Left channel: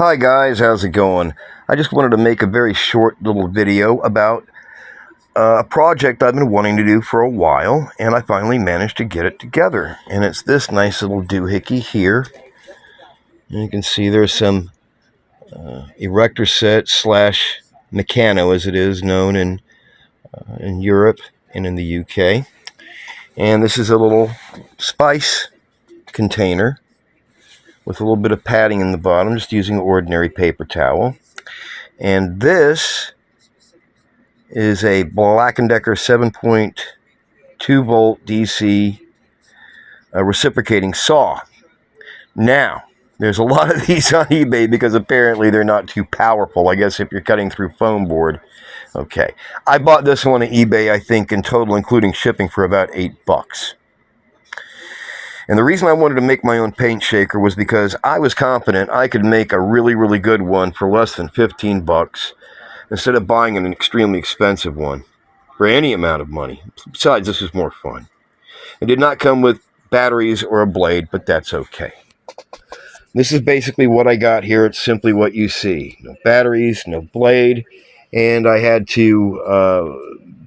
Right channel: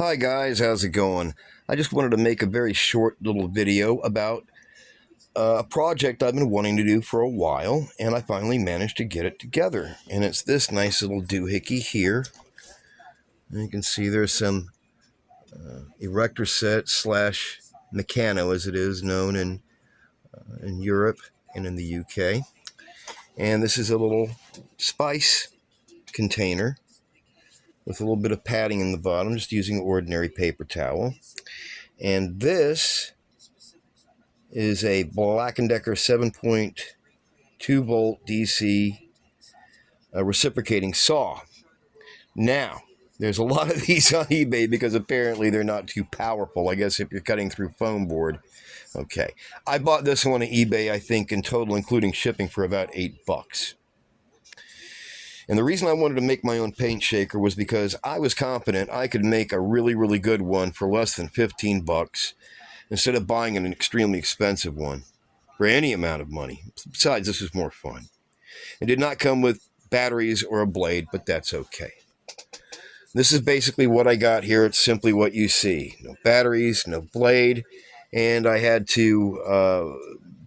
Hi guys, how's it going? I just wanted to make a very short little video about a project I've been wanting to do for a while, and I finally managed to get it together. And it's this nice little doohickey here. And you can see there's some erector set slash Meccano, as it is known in Europe and in the UK. And this is a little spice container with a little bit of padding in the bottom, just using an ordinary paper towel. And this is a Black & Decker 7.2 volt DC reciprocating saw. Now, there's a lot of these on eBay because apparently they're not too powerful. I guess if you're cutting through foam board. Okay. I bought this one on eBay, I think, in total, including shipping, for about $8. And the reason I wanted to make my own paint shaker was because I was confident I could make a really, really good one for less than $15 instead of buying an extremely expensive one for any amount of money. Besides, this was more fun. It did not come with batteries or a blade, but that's okay. This is basically what I got here. It's simply what you see. No batteries, no blade, and I had to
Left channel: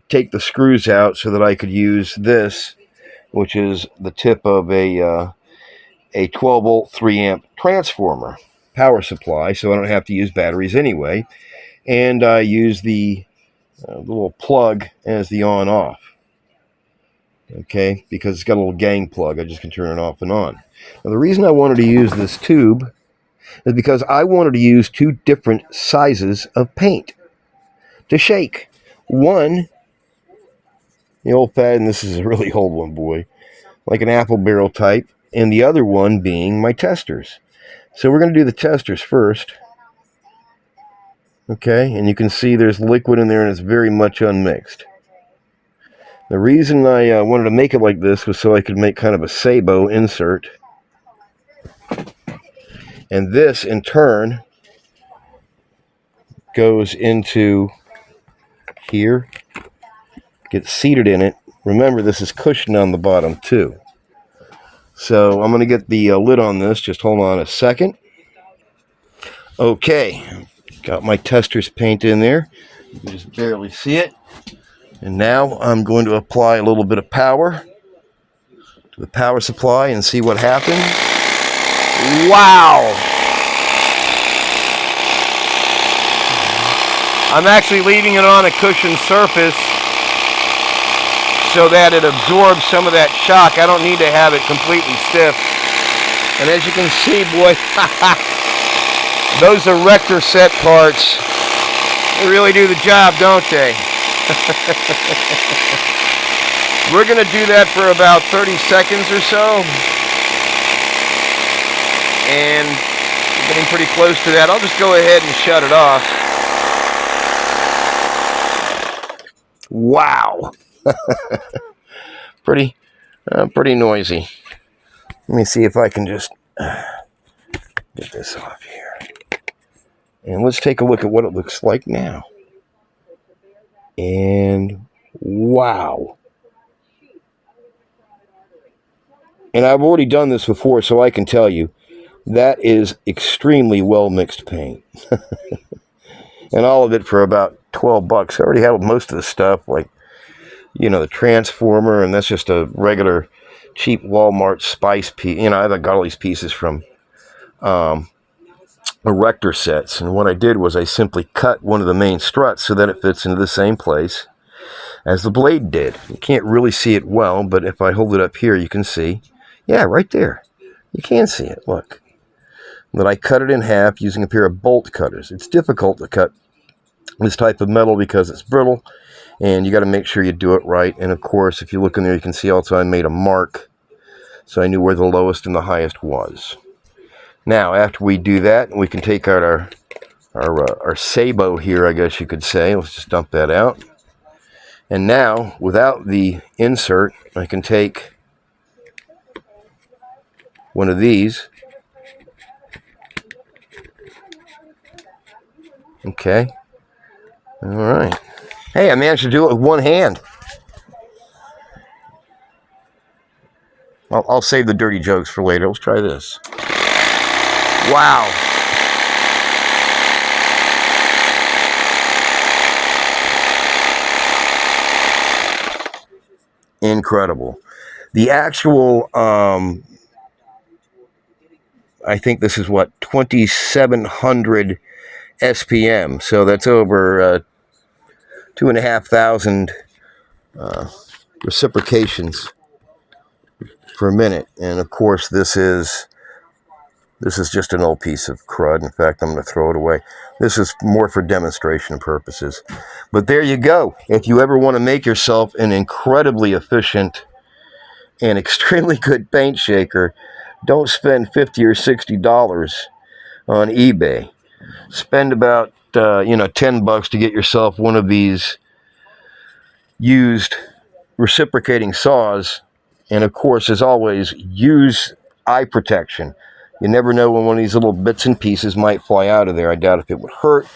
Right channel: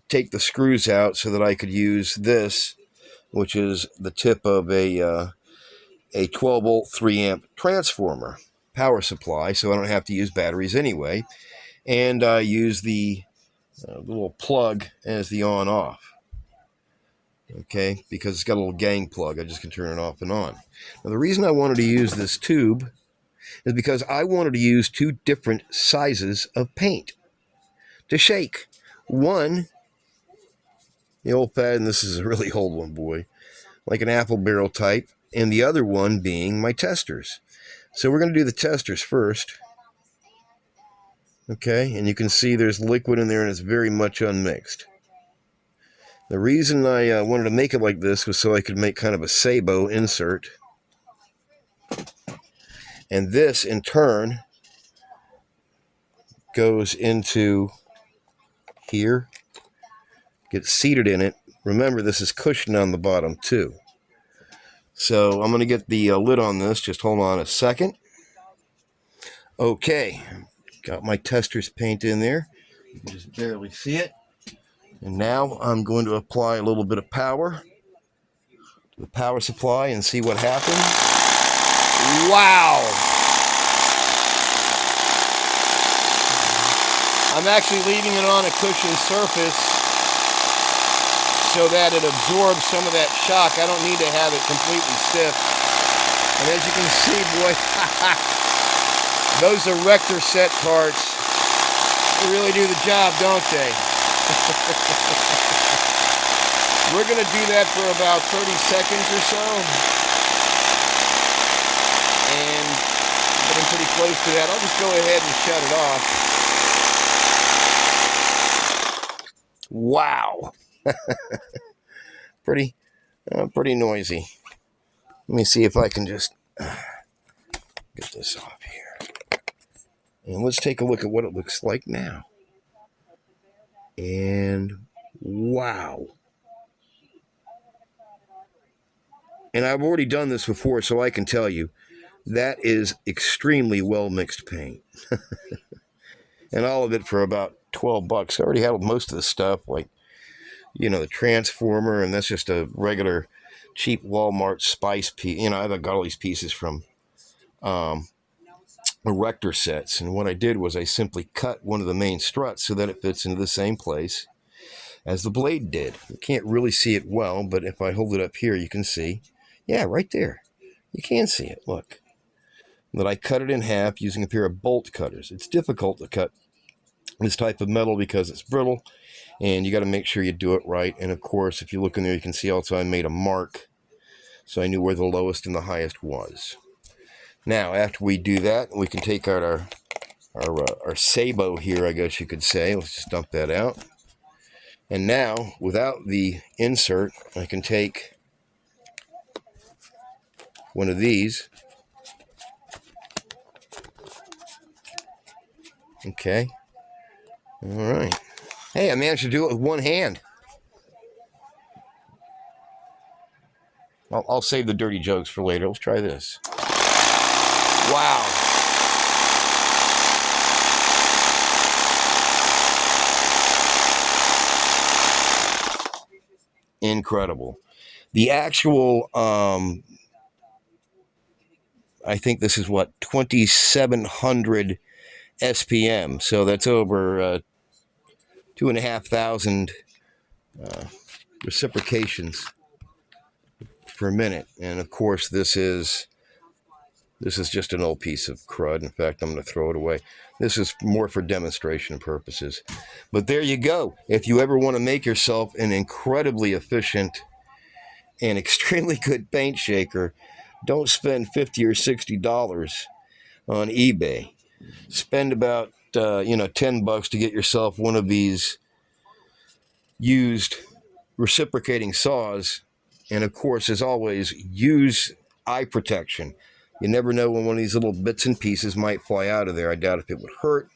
take the screws out so that I could use this, which is the tip of a 12 volt 3 amp transformer power supply, so I don't have to use batteries anyway. And I use the little plug as the on-off, okay, because it's got a little gang plug. I just can turn it off and on. Now, the reason I wanted to use this tube is because I wanted to use two different sizes of paint to shake. One, the old-fashioned, this is a really old one, boy, like an apple barrel type, and the other one being my testors. So we're going to do the testors first. Okay, and you can see there's liquid in there and it's very much unmixed. The reason I wanted to make it like this was so I could make kind of a sabot insert. And this, in turn, goes into here, gets seated in it. Remember, this is cushioned on the bottom, too. So I'm going to get the lid on this. Just hold on a second. Okay, got my testors paint in there. You can just barely see it. And now I'm going to apply a little bit of power to the power supply and see what happens. Wow! I'm actually leaving it on a cushioned surface so that it absorbs some of that shock. I don't need to have it completely stiff. And as you can see, boy, those erector set parts, they really do the job, don't they? We're going to do that for about 30 seconds or so. And we're getting pretty close to that. I'll just go ahead and shut it off. Wow. Pretty noisy. Let me see if I can just get this off here. And let's take a look at what it looks like now. And wow. And I've already done this before, so I can tell you that is extremely well mixed paint. And all of it for about $12. I already had most of the stuff, like, you know, the transformer, and that's just a regular cheap Walmart spice piece. You know, I got all these pieces from erector sets, and what I did was I simply cut one of the main struts so that it fits into the same place as the blade did. You can't really see it well, but if I hold it up here, you can see. Yeah, right there. You can see it, look. That I cut it in half using a pair of bolt cutters. It's difficult to cut this type of metal because it's brittle, and you got to make sure you do it right. And of course, if you look in there, you can see also I made a mark, so I knew where the lowest and the highest was. Now, after we do that, we can take out our sabot here, I guess you could say. Let's just dump that out. And now, without the insert, I can take one of these. Okay. All right. Hey, I managed to do it with one hand. I'll save the dirty jokes for later. Let's try this. Wow. incredible. The actual, I think this is what, 2,700 SPM. So that's over 2,500 reciprocations per minute. And of course, this is just an old piece of crud. In fact, I'm going to throw it away. This is more for demonstration purposes. But there you go. If you ever want to make yourself an incredibly efficient and extremely good paint shaker, don't spend $50 or $60 on eBay. Spend about $10 to get yourself one of these used reciprocating saws. And of course, as always, use eye protection. You never know when one of these little bits and pieces might fly out of there. I doubt if it would hurt,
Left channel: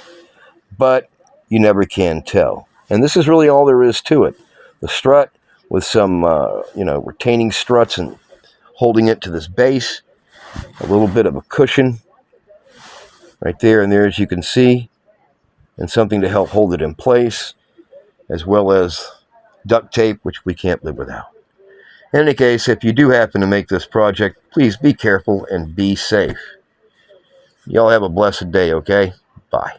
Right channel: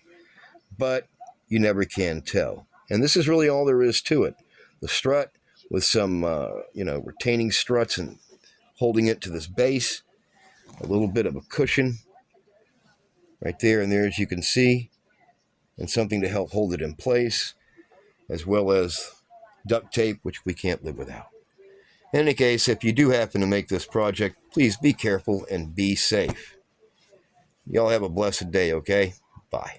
but you never can tell. And this is really all there is to it. The strut with some, retaining struts and holding it to this base. A little bit of a cushion right there and there, as you can see, and something to help hold it in place, as well as duct tape, which we can't live without. In any case, if you do happen to make this project, please be careful and be safe. Y'all have a blessed day, okay? Bye.